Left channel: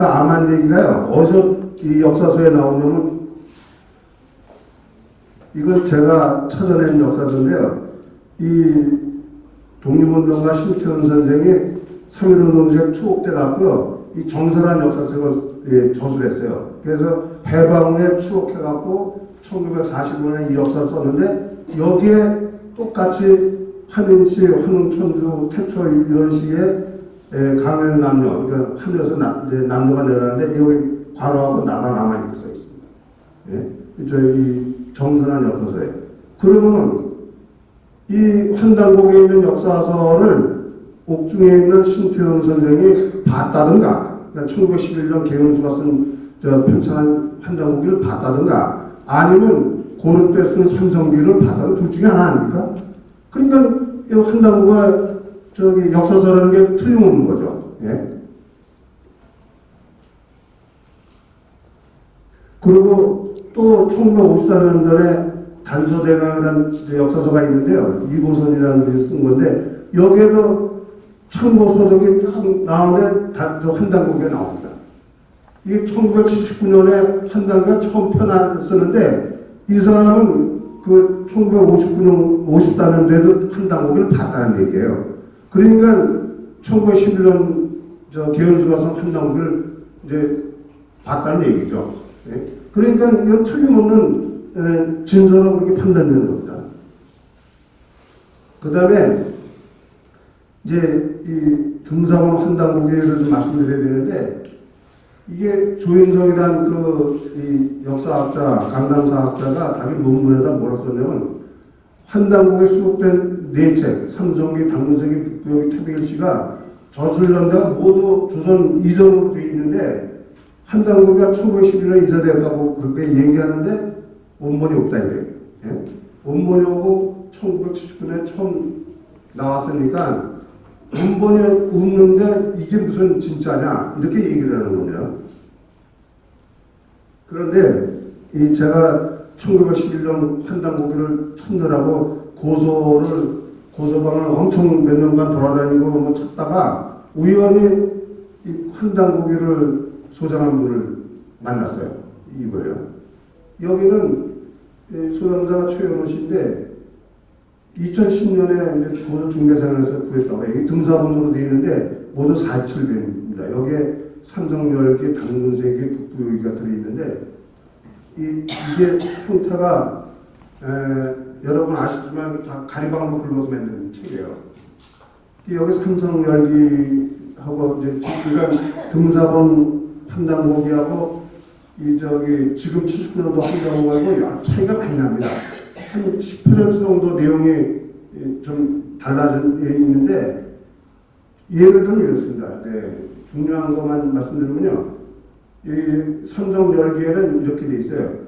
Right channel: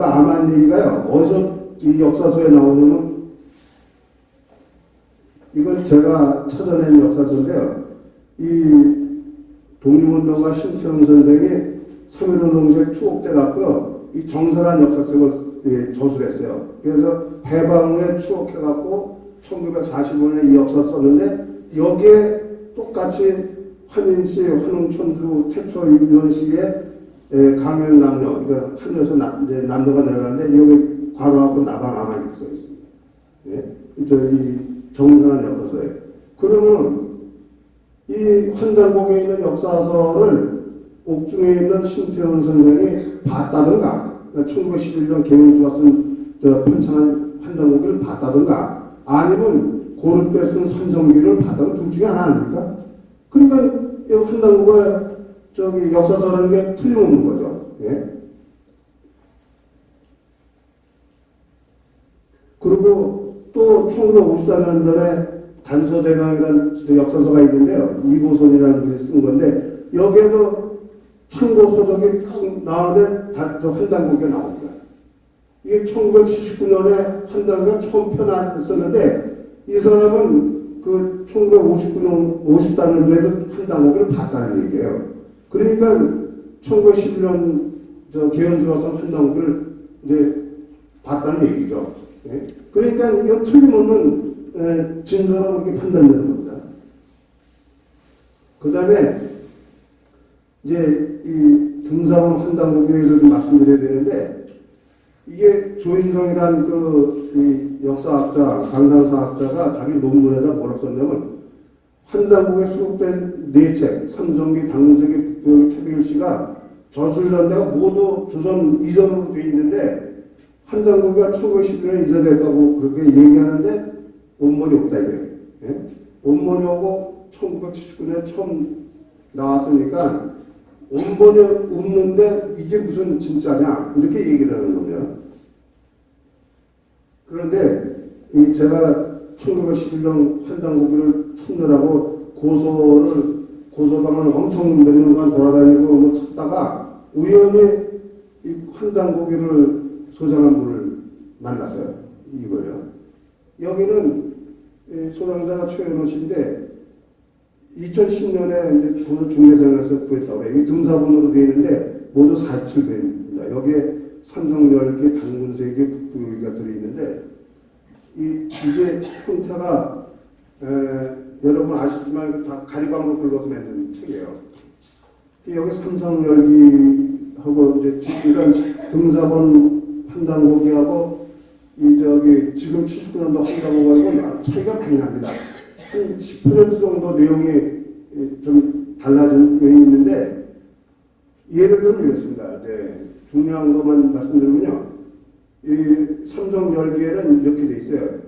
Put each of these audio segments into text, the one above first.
암한 얘기가요. 어디서 이 역사서에 나오냐면 이건 제가 찾아낸 역사서인데요. 이 독립운동가 심태훈 선생이 3.1운동생 추억 때 갖고 이 정설한 역사책을 저술했어요. 그래서 해방 후에 추억해갖고 1945년에 이 역사 썼는데 여기에 똑같이 한인시, 환웅천주, 태초 이런 식의 강연 남녀, 그러니까 하늘에서 남녀가 내려가는데 여기 괄호하고 나가 남아 이렇게 써 있습니다. 예? 이 정선한 역사서예요. 그러면 이 환단곡에 있는 역사서를 옥중에 있는 심태훈 선생이 봤다든가, 그러니까 1911년 개은수가 쓴 편찬한 환단곡을 봤다든가, 아니면 고려 때 쓴 삼성기를 봤다든가 둘 중에 하나 아닙니까? 그러니까 이 환단곡과 역사서라는 게 틀림없는 거죠. 예? 그리고 또 1954년도에 단서대강이라는 역사서가 있는데요. 이고선이라는 분이 쓴 건데 여기에도 참고서적이 딱 나오는데 환단곡이 나옵니다. 이게 1979년에 환단가 처음 편안을 썼는데 이 사람은 그 1959년, 54년도에도 환단곡을 봤다는 얘기예요. 그러니까 1911년 개연수가 쓴 환단곡을 이제 봤다는 얘기죠. 네? 그러니까 이거 틀림없는 진서라고 이렇게 판단되는 겁니다. 그 다음에 이제 이 등사본 환단곡을 좀 말씀드려야 되는데 이게 조인성이란 이 역사학자, 강당사학자가 자기 논문에다 뭐라 썼냐면 환단곡에 수록된 네 책, 삼성기, 당문세기, 북부여기, 태백일시가 저술연대가 모두 조선 이전으로 되어 있는데 환단곡이 1911년에 이사되었다고 그렇게 얘기하는데 원본이 없다 이래요. 예? 원본이 오고 1979년에 처음 나왔으니까 원본이 없는데 이게 무슨 진짜냐 이렇게 얘기를 하는 겁니다. 그런데 제가 1911년 환단곡을 찾느라고 고소방을 엄청 몇 년간 돌아다니고 찾다가 우연히 이 환단곡을 소장한 분을 만났어요. 이거요. 여기는 소장자가 최현호 씨인데 2010년에 이제 고소 중매생에서 구했다고 해요. 이 등사본으로 되어 있는데 모두 47배입니다. 여기에 삼성열기, 당근세기, 북부여기가 들어있는데 이게 형태가 여러분 아시지만 다 가리방으로 긁어서 만든 책이에요. 여기 삼성열기하고 이제 지금 등사본 환단곡이하고 지금 79년도 환단곡하고 차이가 많이 납니다. 한 10% 정도 내용이 좀 달라진 게 있는데 예를 들면 이렇습니다. 네, 중요한 것만 말씀드리면요. 이 삼성열기에는 이렇게 돼 있어요.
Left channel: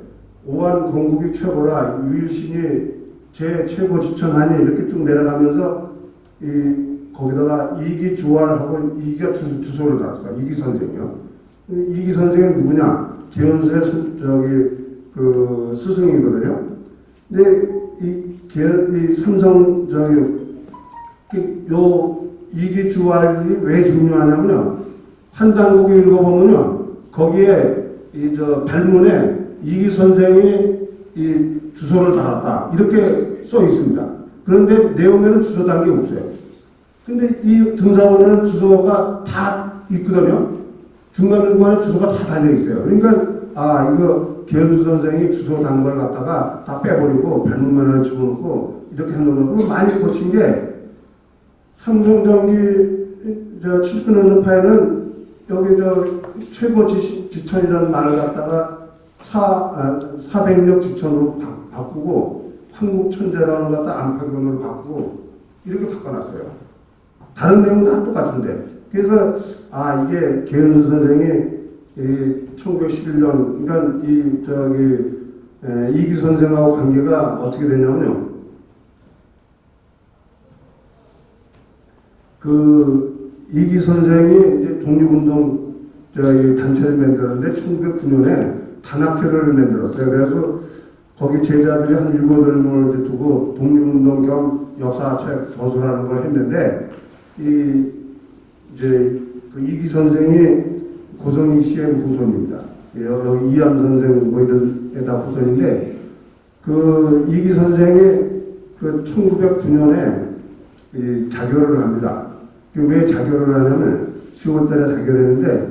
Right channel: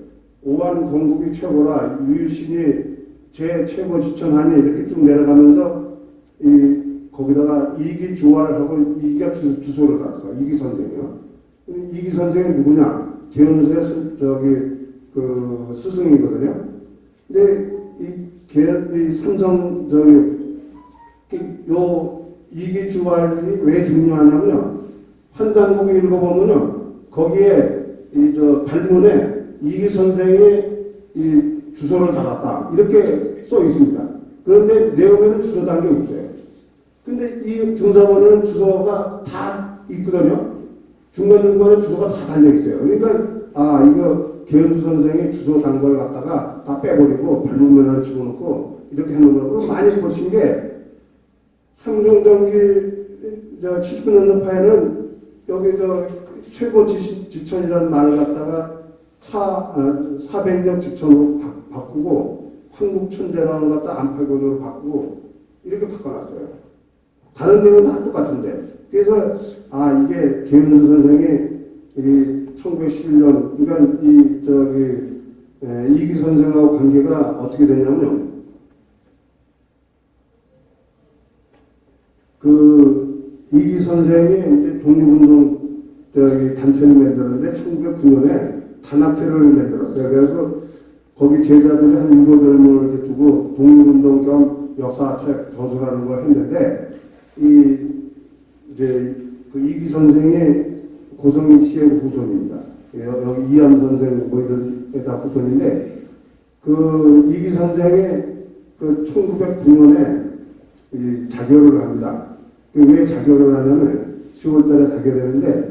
오한 건국이 최고라 유유신이 제 최고 지천하니 이렇게 쭉 내려가면서 거기다가 이기 주활하고 이기가 주소를 달았어요. 이기 선생이요. 이기 선생은 누구냐? 개연수의 그 스승이거든요. 근데 이 삼성 요 이기 주활이 왜 중요하냐면요. 환단곡을 읽어보면요. 거기에 발문에 이기 선생이 이 주소를 달았다 이렇게 써 있습니다. 그런데 내용에는 주소 단 게 없어요. 근데 이 등사본에는 주소가 다 있거든요. 중간중간에 주소가 다 달려 있어요. 그러니까 이거 개연수 선생이 주소 단 걸 갖다가 다 빼버리고 발문면에 집어넣고 이렇게 해놓은 거. 그리고 많이 거친 게 삼성전기 79년도 파일은 여기 최고 지천이라는 말을 갖다가 400력 지천으로 바꾸고 한국천재라는 걸 갖다 안팎으로 바꾸고 이렇게 바꿔놨어요. 다른 내용은 다 똑같은데. 그래서 이게 개은수 선생이 1911년 그러니까 이기 선생하고 관계가 어떻게 됐냐면요. 이기 선생이 이제 독립운동 단체를 만들었는데 1909년에 단학회를 만들었어요. 그래서 거기 제자들이 한 7, 8명을 두고 독립운동 겸 역사책 저술하는 걸 했는데 이기 선생이 고성희 씨의 후손입니다. 예, 여기 이암 선생 뭐 이런 게 다 후손인데 그 이기 선생이 그 1909년에 자결을 합니다. 왜 자결을 하냐면 10월달에 자결했는데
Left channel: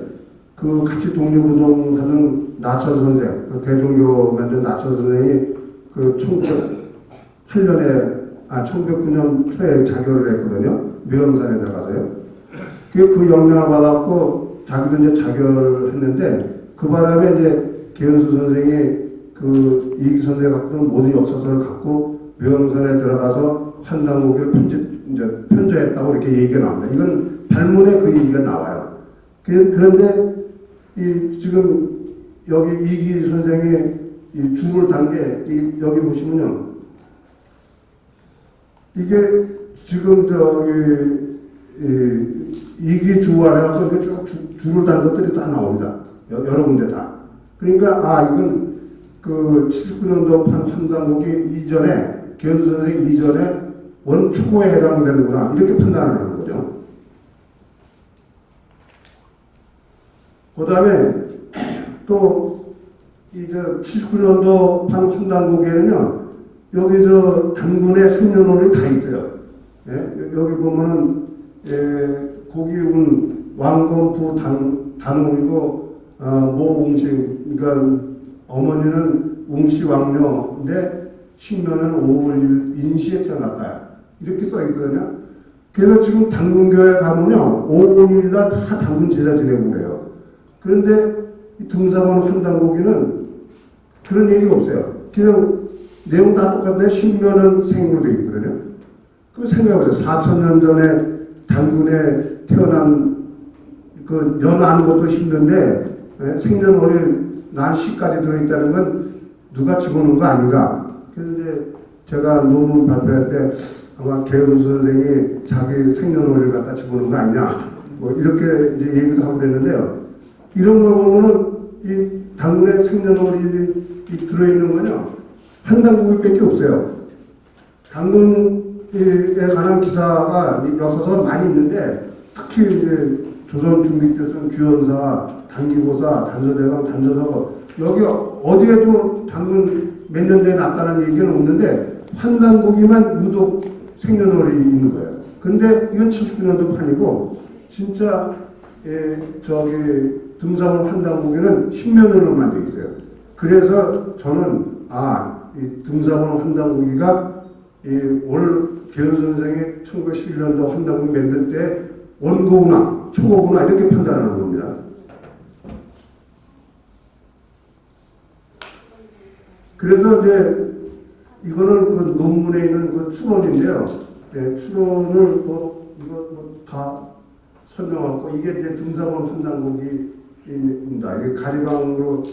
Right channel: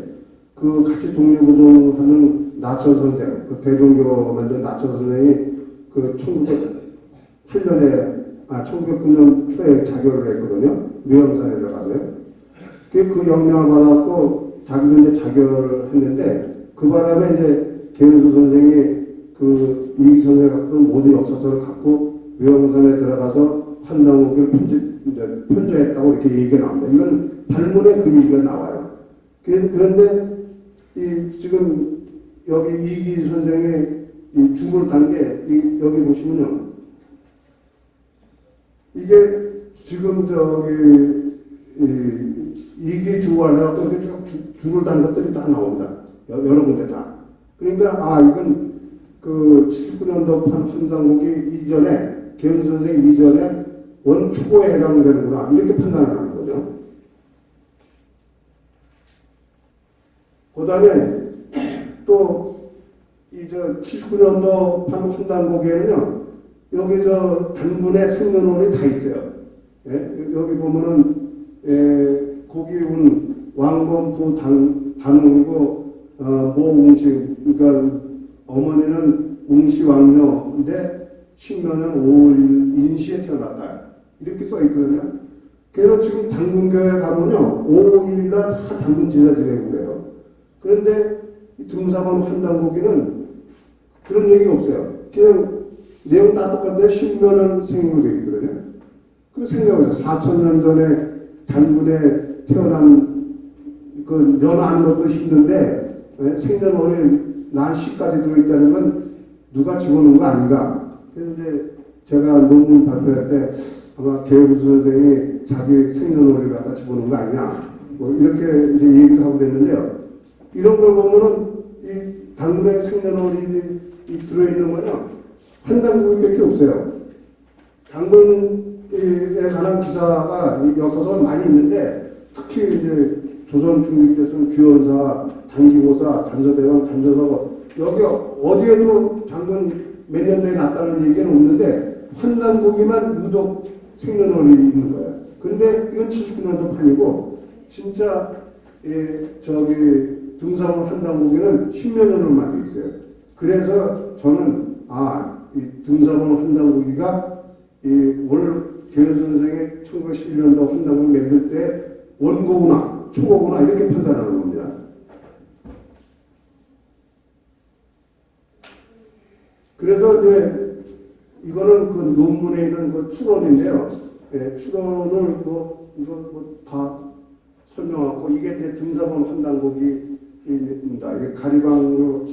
그 같이 독립운동하는 나처 선생, 그 대종교 만든 나처 선생이 그 1909년 초에 자결을 했거든요. 묘영산에 들어가서요. 그 영향을 받았고 자기도 이제 자결을 했는데 그 바람에 이제 개연수 선생이 그 이기 선생이 갖고 있는 모든 역사서를 갖고 묘영산에 들어가서 환단고기를 편저했다고 이렇게 얘기가 나옵니다. 이건 발문에 그 얘기가 나와요. 그런데 지금 여기 이기 선생의 이 줄을 단 게 여기 보시면요. 이게 지금 이기 주화를 해갖고 이렇게 쭉 줄을 단 것들이 다 나옵니다. 여러 군데 다. 그러니까 이건 그 79년도 판단곡이 이전에 개연수 선생 이전에 원초고에 해당되는구나 이렇게 판단하는 거죠. 그 다음에 또 이 79년도 판단곡에는요 여기 단군의 생년월이 다 있어요. 예? 여기 보면은 고기운 왕건부 단웅이고 모웅씨 그러니까 어머니는 웅씨 왕녀인데 신명은 5월 1일 인시에 태어났다 이렇게 써 있거든요. 그래서 지금 당군교회 가면요 5월 1일 날 다 당군 제사 지내고 그래요. 그런데 이 등사번 환단고기는 그런 얘기가 없어요. 그냥 내용 다 똑같은데 신명은 생으로 되어 있거든요. 그럼 생각해보세요. 4,000년 전에 당군에 태어난 그 연하는 것도 힘든데 생년월일 난 시까지 들어있다는 건 누가 집어넣은 거 아닌가. 그래서 이제 제가 논문 발표할 때 아마 개연수 선생이 자기 생년월일 갖다 집어넣은 거 아니냐 뭐 이렇게 이제 얘기도 하고 그랬는데요. 이런 걸 보면은 이 당군의 생년월일이 들어있는 거냐 환단고기밖에 없어요. 당군에 관한 기사가 역사서 많이 있는데 특히 이제 조선 중기 때 쓴 규현사, 단기고사, 단서대강, 단서서거 여기 어디에도 당군 몇 년대에 났다는 얘기는 없는데 환단고기만 유독 생년월일이 있는 거예요. 근데 이건 79년도 판이고 진짜 등산호 환단고기는 10몇 년으로만 돼 있어요. 그래서 저는 이 등산호 환단고기가 개연수 선생의 1911년도 환단고기 만들 때 원고구나 초고구나 이렇게 판단하는 겁니다. 그래서 이제 이거는 그 논문에 있는 그 추론인데요. 추론을 이거 다 설명하고 이게 이제 등사본 환단고기입니다. 이게 가리방으로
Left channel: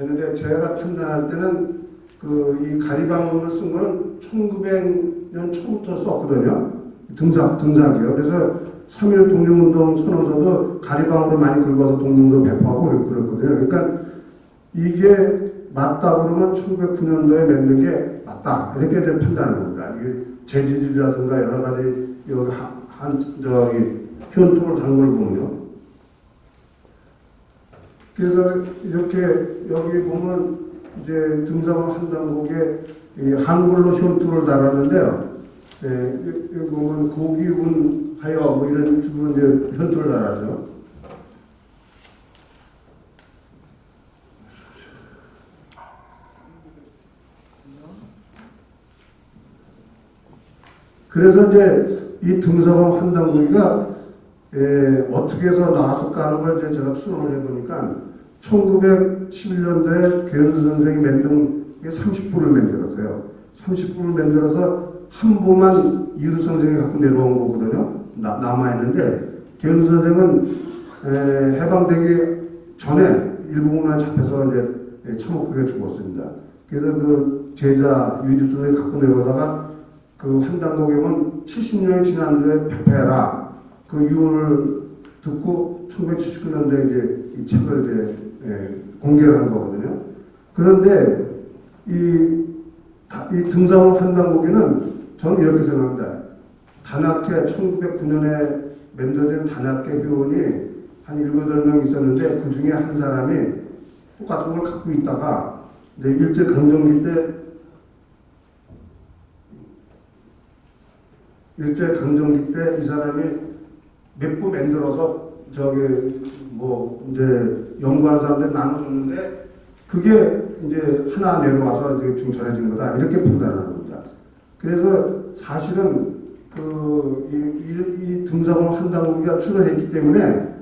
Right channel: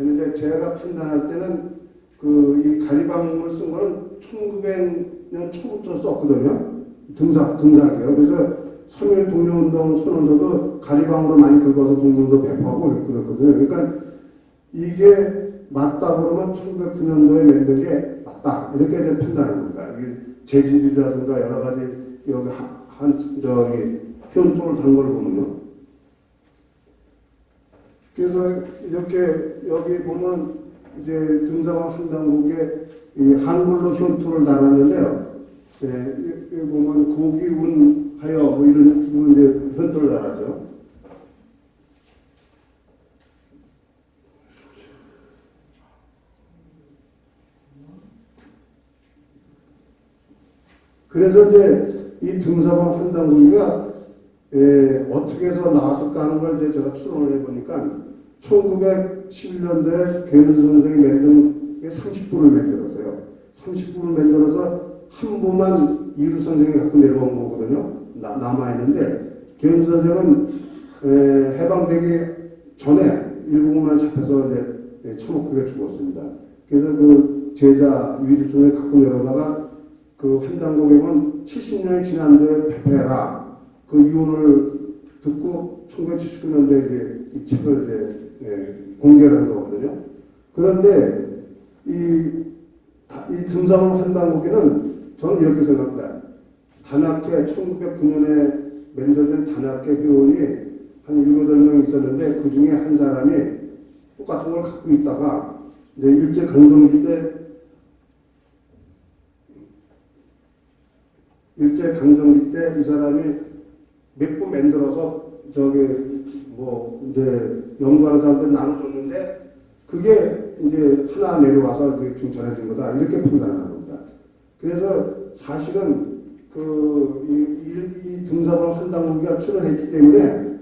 했는데 제가 판단할 때는 이 가리방을 쓴 거는 1900년 초부터 썼거든요. 등사기요. 그래서 3.1 독립운동 선언서도 가리방으로 많이 긁어서 독립운동 배포하고 그랬거든요. 그러니까 이게 맞다 그러면 1909년도에 만든 게 맞다 이렇게 이제 판단하는 겁니다. 이게 재질이라든가 여러 가지 여기 현토를 단 걸 보면요. 그래서 이렇게 여기 보면 이제 등산화 한단곡에 한글로 현토를 달았는데요. 여기 보면 고기운하여 뭐 이런 식으로 이제 현토를 달았죠. 그래서 이제 이 등산화 한단곡이가 어떻게 해서 나왔을까 하는 걸 이제 제가 추론을 해보니까 1911년도에 개연수 선생이 만든 게 30부를 만들었어요. 30부를 만들어서 한 부만 이루 선생이 갖고 내려온 거거든요. 남아있는데 개연수 선생은 해방되기 전에 일본군에 잡혀서 이제 참혹하게 죽었습니다. 그래서 그 제자 유지 선생이 갖고 내려오다가 그 환단곡이면 70년이 지난데 배폐해라. 그 유언을 듣고 1979년도에 이제 이 책을 이제 공개를 한 거거든요. 그런데 이 등산호 환단곡에는 저는 이렇게 생각합니다. 단학회 1909년에 만들어진 단학회 회원이 한 7, 8명 있었는데 그 중에 한 사람이 똑같은 걸 갖고 있다가 이제 일제강점기 때 이 사람이 몇 부 만들어서 이제 연구하는 사람들 나눠줬는데 그게 이제 하나 내려와서 이렇게 좀 전해진 거다 이렇게 판단하는 겁니다. 그래서 사실은 이 등사본 환단고기가 출연했기 때문에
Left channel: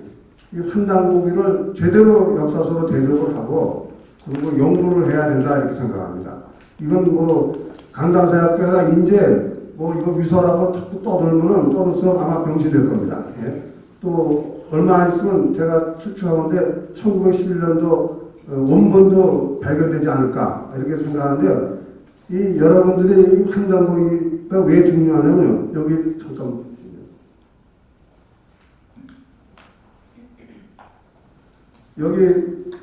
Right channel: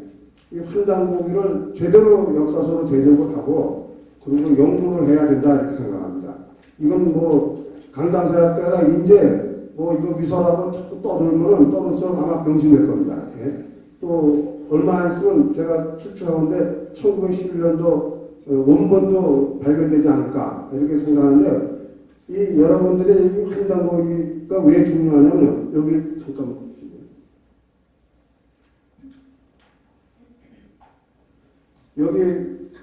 이 환단고기를 제대로 역사서로 대접을 하고 그리고 연구를 해야 된다 이렇게 생각합니다. 이건 강당사학회가 이제 이거 위설하고 자꾸 떠들면은 아마 병신될 겁니다. 예? 또 얼마 있으면 제가 추측하건데 1911년도 원본도 발견되지 않을까 이렇게 생각하는데요. 이 여러분들의 이 환단고기가 왜 중요하냐면 여기 잠깐 여기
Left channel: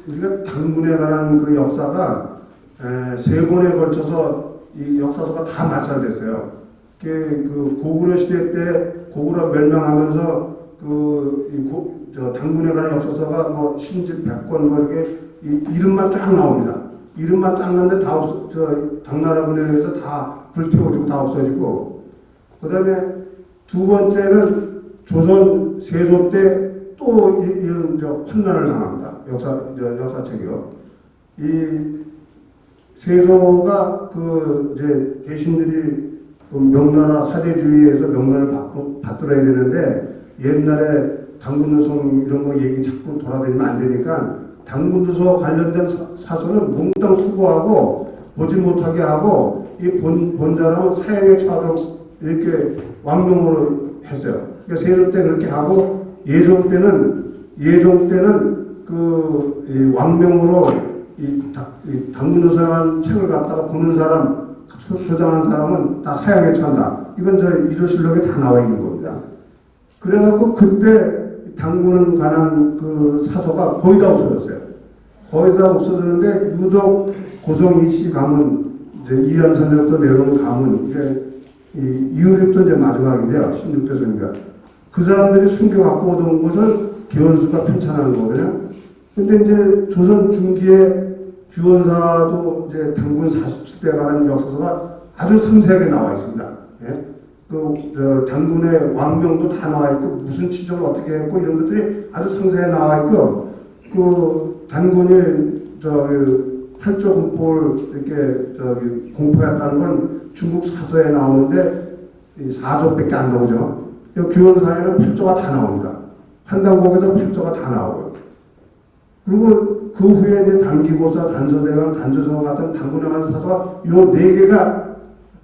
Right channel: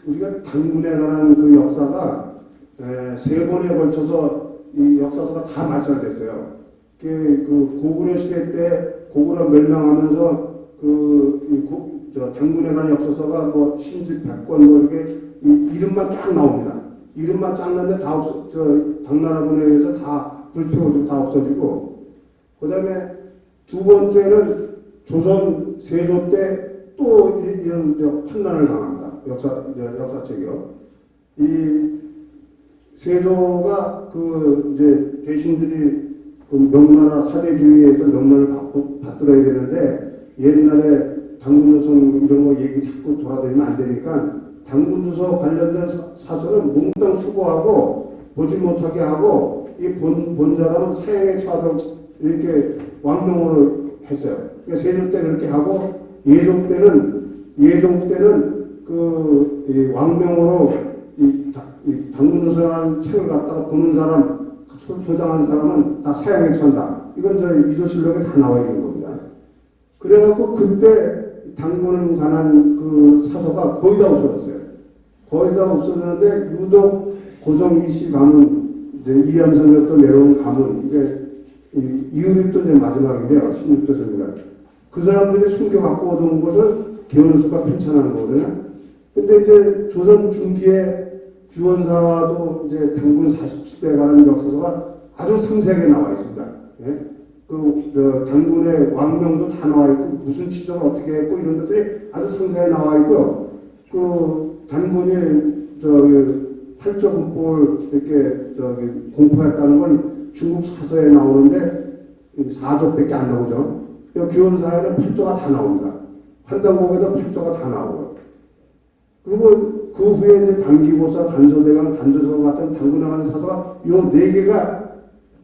우리가 당군에 관한 그 역사가 3번에 걸쳐서 이 역사서가 다 말살됐어요. 그 고구려 시대 때 고구려 멸망하면서 당군에 관한 역사서가 신집 100권 이렇게 이름만 쫙 나옵니다. 이름만 쫙 나는데 다 당나라군에 의해서 다 불태워지고 다 없어지고, 그 다음에 두 번째는 조선 세조 때 또 이런 환난을 당합니다. 역사책이요. 이 세조가 이제 대신들이 명나라 사대주의에서 명나라를 받들어야 되는데 옛날에 당군누성 이런 거 얘기 자꾸 돌아다니면 안 되니까 당군누서 관련된 사서는 몽땅 수거하고 보지 못하게 하고 이 본자람은 사형에 처하도록 이렇게 왕명으로 했어요. 그러니까 세조 때 그렇게 하고 예종 때는 왕명으로 이 당군누서라는 책을 갖다가 보는 사람, 표장한 사람은 다 사형에 처한다. 이건 이조실록에 다 나와 있는 겁니다. 그래갖고 그때 당군에 관한 그 사서가 거의 다 없어졌어요. 거의 다 없어졌는데 유독 고성 이씨 가문, 이제 이암산역도 내려오는 가문, 이게 이유립도 이제 마지막인데요. 16대 손인가. 그 사람들이 숨겨 갖고 얻은 것을 개원수가 편찬한 거거든요. 근데 이제 조선 중기에 규원사도 이제 당군 47대에 관한 역사서가 아주 상세하게 나와 있습니다. 예? 당군의 왕명도 다 나와 있고 무슨 치적을 어떻게 했고 이런 것들이 아주 상세하게 나와 있고 당군이 팔조군법을 이렇게 공포했다는 건 중국 사서에 나오는데 4조밖에 안 나오죠. 규원사에는 8조가 다 나옵니다. 환단고에도 8조가 다 나오고, 그리고 그 후에 이제 단기고사, 단서대강, 단조서 같은 당군에 관한 사서가 요 4개가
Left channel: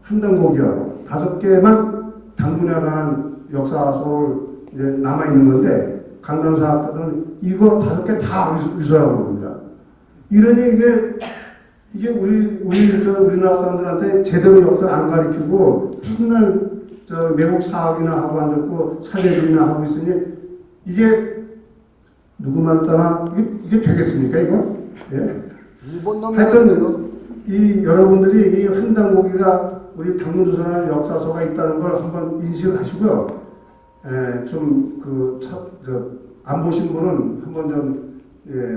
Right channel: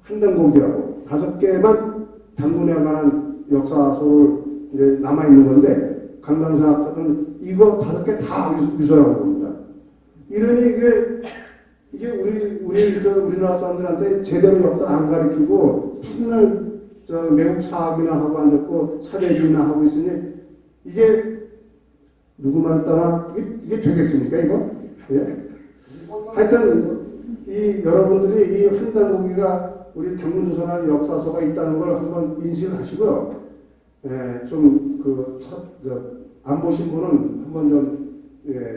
환단고기하고 5개만 당군에 관한 역사서를 이제 남아 있는 건데 강당사학자들은 이거 5개 다 위설하고 합니다. 이러니 이게 우리나라 사람들한테 제대로 역사를 안 가르치고 맨날 외국 사학이나 하고 앉았고 사대주의나 하고 있으니 이게 누구 말 따라 이게 되겠습니까 이거? 예. 하여튼 여러분들이 이 환단고기가 우리 당군조선의 역사서가 있다는 걸 한번 인식을 하시고요. 안 보신 분은 한번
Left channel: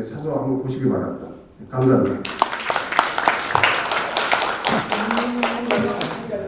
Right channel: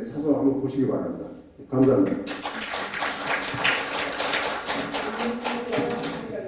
사서 한번 보시기 바랍니다. 감사합니다.